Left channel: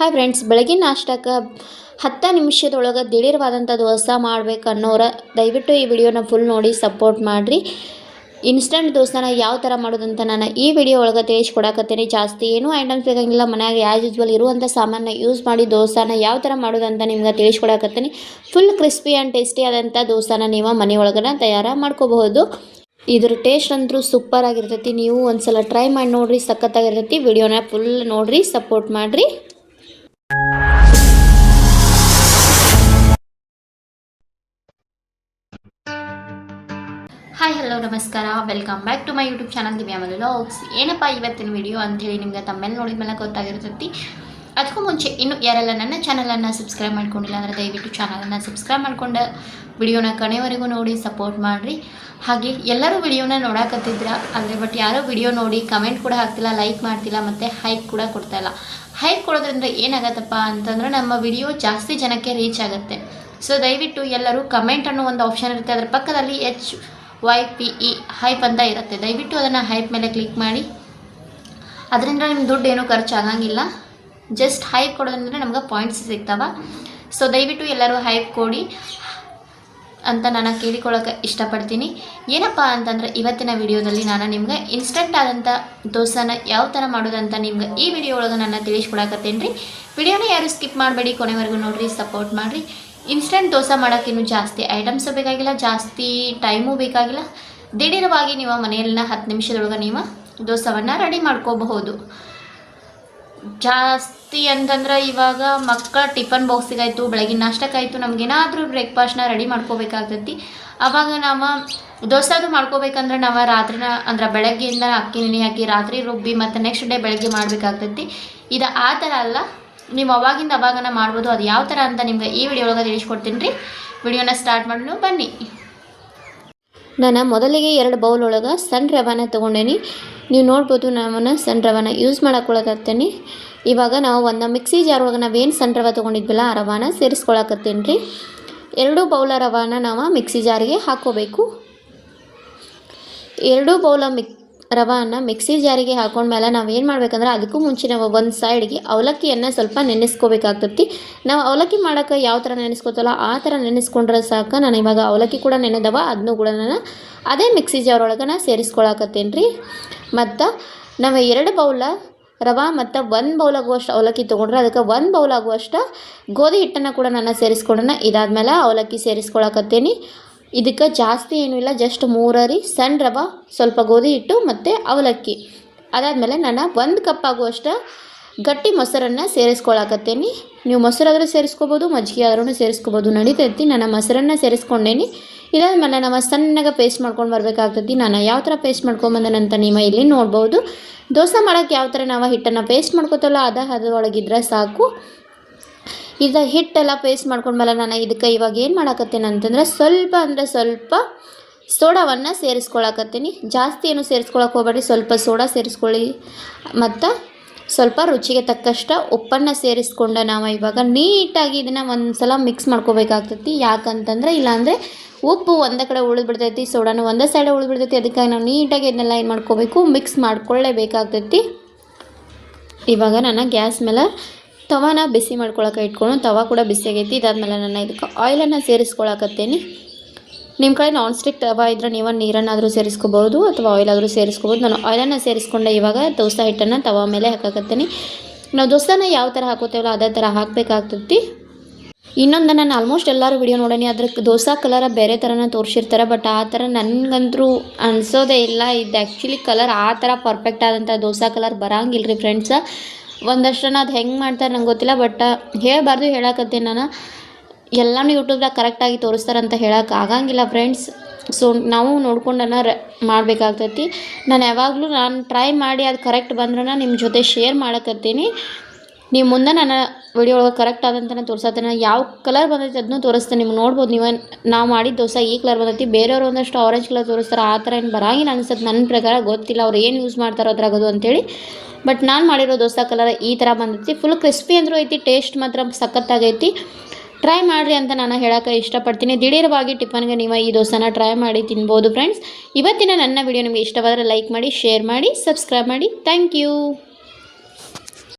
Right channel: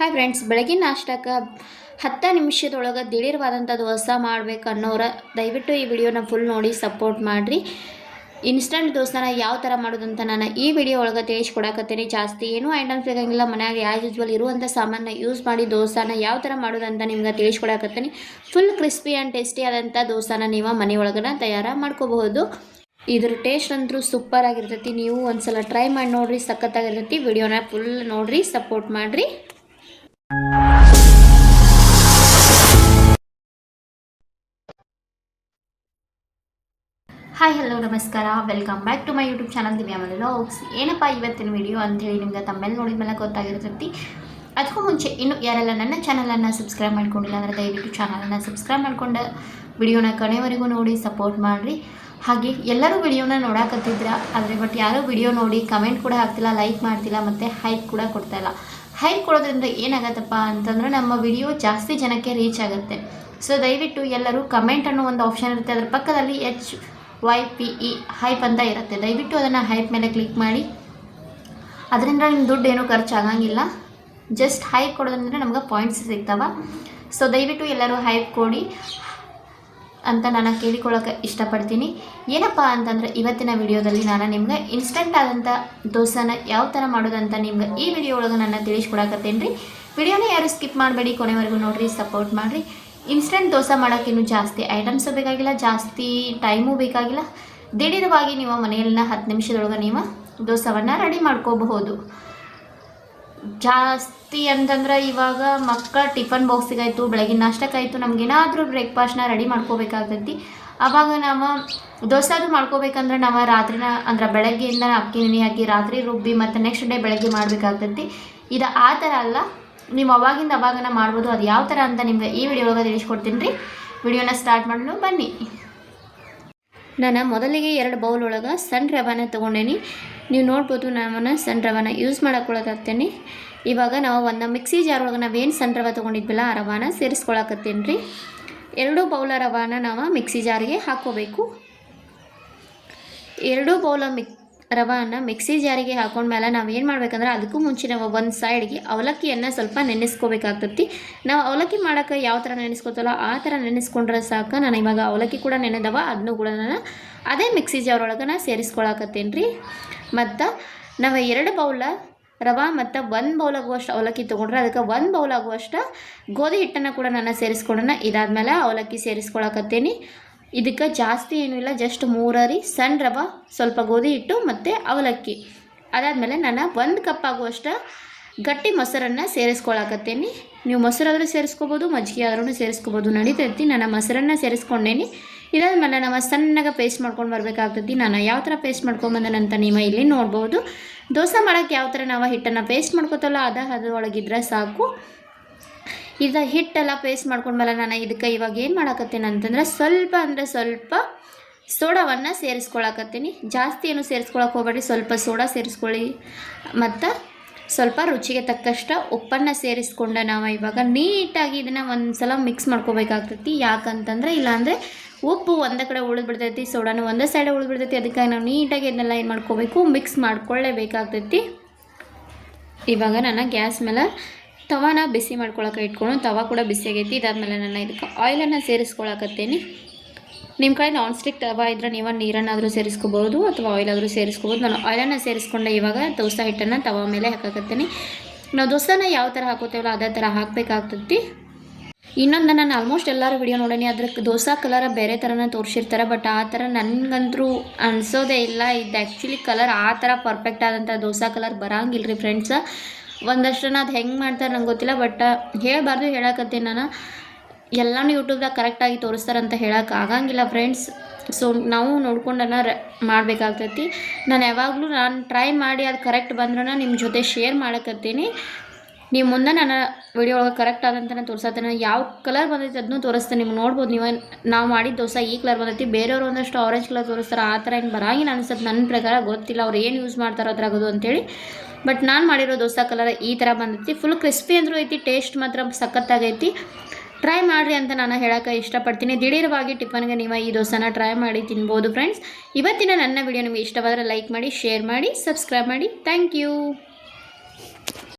Hi friends, ಬೆಳಗಿನ ನಾಷ್ಟಕ್ಕೆ 10 ನಿಮಿಷದೊಳಗೆ ದಿಢೀರವಾದಂಥ ದೋಸೆ ಮಾಡ್ಬೇಕು ಅನ್ನೋರು ದಯವಿಟ್ಟು ಈ ವಿಡಿಯೋನ ಫುಲ್ ನೋಡಿ ಸಪೋರ್ಟ್ ಮಾಡಿರಿ. ಇನ್ಸ್ಟಂಟ್ ದೋಸೆನ ಯಾವ ಥರ ಮಾಡೋದಂತ ನಾನು ಈ ವಿಡಿಯೋ ಒಳಗೆ ತಿಳಿಸ್ಕೊಡಕತ್ತೀನಿ. ಜಾಸ್ತಿ ಏನೂ ಐಟಮ್ಸ್ ಬೇಕಾಗಿಲ್ಲ, ಮನ್ಯಾಗ ಆ್ಯಸ್ ಯೂಸ್ವಲ್ ಇರುವಂಥ ಸಾಮಾನ ಯೂಸ್ ಮಾಡಿ ದೋಸೆನ ಯಾವ ಥರ ಮಾಡೋದಂತ ನಿಮ್ಗೆ ತಿಳಿಸ್ಕೊಡಕತ್ತೀನಿ. ಫುಲ್ ಕ್ರಿಸ್ಪಿ ಆ್ಯಂಡ್ ಟೇಸ್ಟಿ ಆದಂಥ ದೋಸೆನ ನೀವು ಮನೆ ಒಳಗನ ತಯಾರು ಮಾಡ್ಕೋಬಹುದು. ಇದ್ರ ಟೇಸ್ಟ್ ಅಂತೂ ಸೂಪರ್ ಆಗಿರ್ತೈತಿ. ನೀವು ಒಂದ್ಸಲ ಟ್ರೈ ಮಾಡಿ ನೋಡಿರಿ, ಸಖತ್ತಾಗಿರ್ತೈತಿ. ವಿಡಿಯೋನ ಫುಲ್ ನೋಡಿರಿ, ಸಪೋರ್ಟ್ ಮಾಡಿರಿ. ಹಾಯ್ ಹಲೋ ನಮಸ್ಕಾರ, welcome back to my YouTube channel Divya vlogs. ಏನಪ್ಪ ಇವತ್ತಿನ ವಿಡಿಯೋ ಅಂಥೇಳಿ ನಿಮ್ಗೆ ತಮ್ಮೇಲೆ ನೋಡಿದ ಮೇಲೆ ಗೊತ್ತಾಗಿರ್ತೈತಿ. ಅದಕ್ಕೂ ಮುಂಚೆ ಇನ್ನೂ ಯಾರೆಲ್ಲ ನನ್ನ ಚಾನಲನ್ನು ಸಬ್ಸ್ಕ್ರೈಬ್ ಮಾಡ್ಕೊಂಡಿಲ್ಲ ಅಂದರೆ ದಯವಿಟ್ಟು ಚಾನಲನ್ನು ಸಬ್ಸ್ಕ್ರೈಬ್ ಮಾಡ್ಕೊಂಡು ವಿಡಿಯೋನ ಕೊನೆವರೆಗೂ ನೋಡಿ ಸಪೋರ್ಟ್ ಮಾಡಿರಿ. ಹಾಗೆ ಎಲ್ಲರೂ ವಿಡಿಯೋನ ನೋಡಕತ್ತಿದ್ರ ಆದರೆ ಬಟ್ ಯಾರೋ ವಿಡಿಯೋ ನೋಡಿ ಕಮೆಂಟ್ ಕೂಡ ಹಾಕ್ತಿಲ್ಲ, ಲೈಕ್ ಮಾಡ್ತಿಲ್ಲ ಮತ್ತು ಹೈಪ್ ಕೂಡ ಕೊಡ್ತಾಯಿಲ್ಲ. ಹೈಪ್ ಕೊಡೋದ್ರಿಂದ ಏನಾಗತ್ತಪ್ಪ ಅಂತಂದರೆ ನಮ್ಮ ವಿಡಿಯೋ ಜಾಸ್ತಿ ಜನಕ್ಕೆ ರೀಚ್ ಆಗುತ್ತೆ. ಸೊ ದಯವಿಟ್ಟು ಎಲ್ಲರೂ ಕಮೆಂಟ್ ಅನ್ನೋ ಒಂದು ಆಪ್ಷನ್ ಇರುತ್ತೆ, ಅದರ ಪಕ್ಕದಲ್ಲಿ HYPE ಹೈಪ್ ಅಂತ ಇರುತ್ತೆ. ದಯವಿಟ್ಟು ಅದನ್ನು ಹೈಪ್ ಮೇಲೆ ಕ್ಲಿಕ್ ಮಾಡಿ. ಅದರಿಂದ ನಿಮ್ಮ ದುಡ್ಡು ಏನೂ ಖರ್ಚಾಗಂಗಿಲ್ಲ. ಜಸ್ಟ್ ಹೈಪ್ ಕೊಡೋದ್ರಿಂದ ನಮ್ಗೆ ಪಾಯಿಂಟ್ಸ್ ಸಿಗ್ತಾವೆ. ಸೊ ದಯವಿಟ್ಟು ಎಲ್ಲರೂ ಹೈಪ್ ಕೊಡಿ ಅಂತ ನಾನು ಕೇಳಿಕೊಳ್ಳೋಕೆ ಇಷ್ಟಪಡ್ತೀನಿ. ಏನಪ್ಪ ಅಂತಂದರೆ ಇವತ್ತಿನ ವಿಡಿಯೋದಲ್ಲಿ ನಾನು ನಿಮ್ಗೆ ಇನ್ಸ್ಟಂಟ್ ಆದಂಥ ದೋಸೆನ ಯಾವ ಥರ ಮಾಡೋದಂತ ನಿಮ್ಗೆ ಈ ವಿಡಿಯೋ ಒಳಗೆ ನಾನು ತಿಳಿಸ್ಕೊಡಕತ್ತೇನೆ ರೀ. ವಿಡಿಯೋನ ಯಾರು ಸ್ಕಿಪ್ ಮಾಡಬೇಡಿ, ಕೊನೆವರೆಗೂ ನೋಡಿರಿ, ಸಪೋರ್ಟ್ ಮಾಡಿರಿ. ಇನ್ಸ್ಟಂಟ್ ದೋಸೆ ಮಾಡೋಕ್ಕಿನ್ನೂ ಜಾಸ್ತಿ ಐಟಮ್ಸು ಬೇಕಾಗಿಲ್ಲ, ಜಾಸ್ತಿ ಟೈಮು ಬೇಕಾಗಿಲ್ಲ. ದಿಢೀರವಾಗಿ ನೀವು ಮನೆಯಲ್ಲಿನ 10 ನಿಮಿಷದೊಳಗೆ ನೀವು ದೋಸೆಯನ್ನು ರೆಡಿ ಮಾಡ್ಕೋಬಹುದು. ಜಾಸ್ತಿ ಅಂತಂದ್ರೆ ಇವಾಗ ಮಕ್ಕಳ ಟಿಫನ್ ಬಾಕ್ಸಿಗಾಯಿತು, ಬೆಳಗಿನ ನಾಷ್ಟಕ್ಕಾಯಿತು, ನಮಗೇನಾದರೂ ಬ್ರೇಕ್ಫಾಸ್ಟ್ನ ರೆಡಿ ಮಾಡ್ಕೋಬೇಕಾಗ್ತೈತಿ. ಆವಾಗ ನಾವು ದೋಸೆ ಅದು ಮಾಡ್ಕೋಬೇಕಂದ್ರೆ ನಾವು ರಾತ್ರಿನ ಅಂದ್ರೆ ಬೆಳಗ್ಗೆಯಿಂದ ಅಕ್ಕಿ ನೆನೆ ಹಾಕಿ ರಾತ್ರಿ ರುಬ್ಬಿ ಮತ್ತು ನೆಕ್ಸ್ಟ್ ಡೇ ಬೆಳಗ್ಗೆ ಮಾಡಬೇಕಾಗ್ತೈತಿ. ಇದು ಆ ಥರ ಅಲ್ಲ, ನೀವು ಅವಾಗಿಂದ ಅವಾಗನ ಮಾಡ್ಬೋದು. ಅದು ಯಾವ ಥರ ಅಂತ ನಿಮ್ಗೆ ಈ ವಿಡಿಯೋ ಒಳಗೆ ತಿಳಿಸ್ಕೊಡ್ತೀನಿ ರೀ. ವಿಡಿಯೋನ ಸ್ಟಾರ್ಟ್ ಮಾಡೋಣ ಬನ್ನಿ. ನಾನು ಮೊದಲಿಗೆ 2 ಬೌಲ್ ಒಳಗೆ ಸಣ್ಣ ರವಾನ ತೊಗೊಂಡೇನಿ. ನೀವು ನೋಡ್ಬೋದು, ನಾನು ಸಣ್ಣ ರವಾನ ಯೂಸ್ ಮಾಡಕ್ಕೊಳಕತ್ತೇನೆ. ಇವಾಗ ನಾವು ಒಂದು ಮಿಕ್ಸಿ ಜಾರ್ ಒಳಗೆ ನಾವೇನು ಸಣ್ಣ ರವೆ ತೊಗೊಂಡಿದ್ವಲ್ಲ ಆ ರವಾನ ಸೇರಿಸ್ಕೊಳಕತ್ತೇನೆ ರೀ. 2 ಬೌಲ ರವಾನ ನಾವು ಮಿಕ್ಸಿ ಜಾರಿಗೆ ಹಾಕ್ಕೋಬೇಕು. 2 ಬೌಲ ರವಾನ ಮಿಕ್ಸಿ ಜಾರಿಗೆ ಹಾಕೊಂಡ್ಮೇಲೆ ನಾವು ಏನು ಮಾಡ್ಬೇಕಂದ್ರೆ ಅದಕ್ಕೂ ಮುಂಚೆ ನಾವು ಒಂದು ಸೈಡ್ಗೆ ಅವಲಕ್ಕಿಯನ್ನು ಸ್ವಲ್ಪ ನೆನೆಸ್ಕೋಬೇಕಾಗ್ತೈತಿ. ನಾವು ಅವಲಕ್ಕಿ ಮಾಡೋಕ್ಕೆ ಯಾವ ಥರ ನೆನೆಸ್ಕೋತಲ್ಲ ಆ ಥರ ನೆನೆಸ್ಕೊಂಡ್ರೆ ಸಾಕು. ನಾನು ಇವಾಗ ಅವಲಕ್ಕಿ ಕೂಡ ನೆನೆದವ, ಅದನ್ನೂ ಕೂಡ ನಾನು ಅದೇ ಮಿಕ್ಸಿ ಜಾರ್ ಒಳಗೆ ನಾನು ಸೇರಿಸ್ಕೊಳಕತ್ತೇನೆ ರೀ. ಮತ್ತು ನಾವು 2 ಬೌಲ ರವೆ ಮತ್ತು 1 ಬೌಲ್ ಆಗುವಷ್ಟು ಅವಲಕ್ಕಿ ತೊಗೊಂಡ್ರೆ ಅದಕ್ಕೆ 1 ಬೌಲ್ ಆಗುವಷ್ಟು ಗೋಧಿ ಹಿಟ್ಟನ್ನು ಕೂಡ ನಾನು ಸೇರಿಸ್ಕೊಂಡನ. ಇದಾದಮೇಲೆ ಅವಲಕ್ಕಿ ಸೇರಿಸ್ಕೊಳಕತ್ತೇನೆ. ಇದಕ್ಕೆ ಜಾಸ್ತಿ ಏನೂ ಇಲ್ಲ, ಜಸ್ಟ್ 3 ಸಣ್ಣ ರವೆ, ಸ್ವಲ್ಪ ಗೋಧಿ ಹಿಟ್ಟು ಮತ್ತು ಅವಲಕ್ಕಿ. ಅದಾದಮೇಲೆ ನಾನು 1 ಕಪ್ ಆಗುವಷ್ಟು ಗಟ್ಟಿ ಮೊಸರನ್ನು ಸೇರಿಸ್ಕೊಳಕತ್ತೇನೆ. ನೀವು ಮೊಸರಾದರೂ ಸೇರಿಸ್ಕೋಬೋದು, ಮಜ್ಜಿಗೆ ಆದ್ರೂ ಸೇರಿಸ್ಕೋಬೋದು, ನಡೀತೈತಿ. ನಾನು ಮೊಸರನ್ನು ಸೇರಿಸ್ಕೊಂಡೇನಿ. ಇದಾದ್ಮೇಲೆ ನಾವು ಸಣ್ಣಗೆ ಪೇಸ್ಟ್ ಮಾಡ್ಕೊಂಡು ಬರಬೇಕಾಗ್ತೈತಿ. ನಾನು ಯಾವ ಥರ ಪೇಸ್ಟ್ ಮಾಡ್ಕೊಂಬಂದನಂತ ನೀವು ಇಲ್ಲಿ ನೋಡ್ಬೋದು. ದೋಸೆ ಮಾಡೋಕ್ಕೆ ಯಾವ ಥರ ನಾವು ಹಿಟ್ಟನ್ನು ಪೇಸ್ಟ್ ಮಾಡ್ಕೋತಲ್ಲ ಅದು ಒಳಗಿದ್ರೆ ಸಾಕು. ಇದು ಹಿಟ್ಟೆಲ್ಲ ಪೇಸ್ಟ್ ಮಾಡ್ಕೊಂಡ್ಮೇಲೆ ನಾನು ಇದಕ್ಕೆ ಇವಾಗ ಏನು ಮಾಡಕತ್ತೇನೆ ಅಂತಂದರೆ ಸ್ವಲ್ಪ ಸೋಡಾವನ್ನು ಸೇರಿಸ್ಕೊಳಕತ್ತೀನಿ. ಜಾಸ್ತಿ ಏನು ಸೇರಿಸ್ಕೊಳಕ್ಕೆ ಹೋಗಬೇಡಿ, ಸ್ವಲ್ಪ ಸೋಡಾ ಸೇರಿಸ್ಕೊಳ್ಳಿ. ಮತ್ತು ಸ್ವಲ್ಪ ರುಚಿಗೆ ತಕ್ಕಷ್ಟು ಉಪ್ಪನ್ನು ಸೇರಿಸ್ಕೊಂಡು ನಾವು ಇವಾಗ ನೀಟಾಗಿ ಇದನ್ನು ಒಂದು ಸಲ ಮಿಕ್ಸ್ ಮಾಡ್ಕೋಬೇಕಾಗ್ತೈತಿ. ಯಾಕಂತಂದರೆ ಇಲ್ಲಾಂದರೆ ಉಪ್ಪು ಒಂದು ಕಡೆ ಉಳಿದ್ಬಿಡ್ತೈತಿ, ಸೋಡಾನು ಒಂದೇ ಸೈಡೆ ಉಳಿದ್ಬಿಡ್ತೈತಿ. ಅದಕ್ಕಾಗಿ ನಾವು ನೀಟಾಗಿ ಇದನ್ನೆಲ್ಲ ಏನು ಮಾಡ್ಕೋಬೇಕು, ಮಿಕ್ಸ್ ಮಾಡ್ಕೊಳ್ಳೇಬೇಕಾಗ್ತೈತಿ. ಇವಾಗ ನಾನು ಗ್ಯಾಸ್ ಮೇಲೆ ತವಾನ ಬಿಸಿ ಮಾಡ್ಕೊಳಕ್ಕೆ ಇಟ್ಕೊಂಡು ತವಾ ಕೂಡ ಬಿಸಿ ಆಗೈತಿ. ಇದಾದ್ಮೇಲೆ ನಾನು ಇದಕ್ಕೆ ಆಯಿಲನ್ನು ಸೇರಿಸ್ಕೊಳಕತ್ತೇನೆ. ನಿಮ್ಮ ಕಡೆ ನಾನ್ ಸ್ಟಿಕ್ ತವಾ ಇದ್ದರೆ ನೀವು ನೀರನ್ನಾದರೂ ಸೇರಿಸ್ಕೋಬೋದು ಅಥವಾ ಆಯಿಲಾದರೂ ಸೇರಿಸ್ಕೋಬೋದು. ನಾನು ಆಯಿಲನ್ನು ಸೇರಿಸ್ಕೊಂಡೆ ಇವಾಗ ದೋಸೆ ಹಿಟ್ಟನ್ನು ತವಾ ಮೇಲೆ ಹಾಕಕತ್ತೇನೆ. ನಾವು ದೋಸೆನ ಯಾವ ಥರ ಹಾಕೋತೇವಲ್ಲ ಅದೇ ಥರ ಹಾಕಬೇಕಾಗ್ತೈತಿ. ಇನ್ನೊಂದು ನಾನು ಆಲ್ಮೋಸ್ಟ್ ಎಲ್ಲರೂ ವಿಡಿಯೋ ನೋಡೀನಿ, ಅದ್ರ ದೋಸೆ ಕಲರ ಬೇರೆ ಥರನ ತೋರಿಸಿರ್ತಾರೆ. ಬಟ್ ಆ ಥರ ನನಗಂತೂ ಅನಿಸೋದೇ ಇಲ್ಲ. ಇದು ಆ್ಯಕ್ಚುಲಿ ಕಲರ್ ಆ ಥರ ಪರ್ಫೆಕ್ಟ್ ಆದಂಥ ದೋಸೆ ಕಲರ್ ಬರೋಂಗಿಲ್ಲ ರೀ ಫ್ರೆಂಡ್ಸ. ಒಂದಷ್ಟನ್ನು ಅದು ಹೆಂಗೆ ಮಾಡ್ತಾರೆ ನಂಗೆ ಗೊತ್ತಿಲ್ಲ, ಬಟ್ ಹೇಳಬಾರ್ದು, ಹೇಳಕತ್ತೀನಿ ನಾನು. ಎಲ್ಲನೂ ಯೂಟ್ಯೂಬ್ದಾಗ ಕರೆಕ್ಟಾಗಿ ತೋರಿಸ್ತಾರಂತ ಹೇಳೋಕೆ ಆಗಂಗಿಲ್ಲ ಫ್ರೆಂಡ್ಸ್. ಸೊ ನಾವು ನೋಡ್ಕೊಂಡನ ಮಾಡಬೇಕಾಗ್ತೈತಿ. ನಾನು ಯಾವಾಗಲೂ ಟ್ರೈ ಮಾಡಿ ಅದು ಕರೆಕ್ಟ್ ಬಂದ್ರೂ ನಿಮ್ಮ ಜೊತೆ ಶೇರ್ ಮಾಡಕತ್ತೀನಿ. ನೀವು ಮುಂದೆ ನಾನು ವಿಡಿಯೋ ಒಳಗೆ ಕರೆಕ್ಟ್ ಆದಂತನೇ ತೋರಿಸತ್ತೇನೆ. ಯಾವ ಕಲರ್ ಬಂದೈತಿ ಅದನ್ನೂ ತೋರಿಸ್ತೇನೆ. ನಿಮ್ಗೆ ನೋಡ್ಬೋದು, ನೀವು ನಾವು ಮಾಡಿದ ದೋಸೆ ಈ ಕಲರ್ ಬಂದೈತಿ. ಬೇರೆಯವರು ಒಂದಷ್ಟು ಆರೆಂಜ್ ಕಲರ್ ತೋರಿಸ್ತಾರೆ. ಆ ಥರ ಏನು ಬರಂಗಿಲ್ಲ ಅನ್ಸುತ್ತೆ ನನ್ನ ಪ್ರಕಾರ, ಗೊತ್ತಿಲ್ಲ ಅವ್ರು ಏನು ಯೂಸ್ ಮಾಡ್ತಾರೋ ಅದ್ರಾಗದು ಅಂತೇಳಿ. ಬಟ್ ನಾನು ಮಾಡಿರೋ ದೋಸೆ ಕಲರ್ ಈ ಥರ ಬಂದೈತಿ. ಫುಲ್ ಕ್ರಿಸ್ಪಿ ಅಂದರೂ ಐತಿ, ಟೇಸ್ಟ್ ಮಾತ್ರ ಸಖತ್ತಾಗೈತಿ. ಟ್ರೈ ಮಾಡಿರಿ ಅಂತ ನಾನು ಹೇಳೋಕ್ಕೆ ಇಷ್ಟಪಡ್ತೀನಿ. ದಿಢೀರವಾಗಿ ಟಿಫನ್ಗೆ ನೀವು ಈ ದೋಸೆನ ಟ್ರೈ ಮಾಡಿ ತಿನ್ಬೋದು ಫ್ರೆಂಡ್ಸ್. ಇವತ್ತಿನ ನನ್ನ ವಿಡಿಯೋ ನಿಮಗೆ ಇಷ್ಟವಾದರೆ ಲೈಕ್ ಮಾಡಿ, ಶೇರ್ ಮಾಡಿ, ಸಬ್ಸ್ಕ್ರೈಬ್ ಮಾಡಿ. Thank you.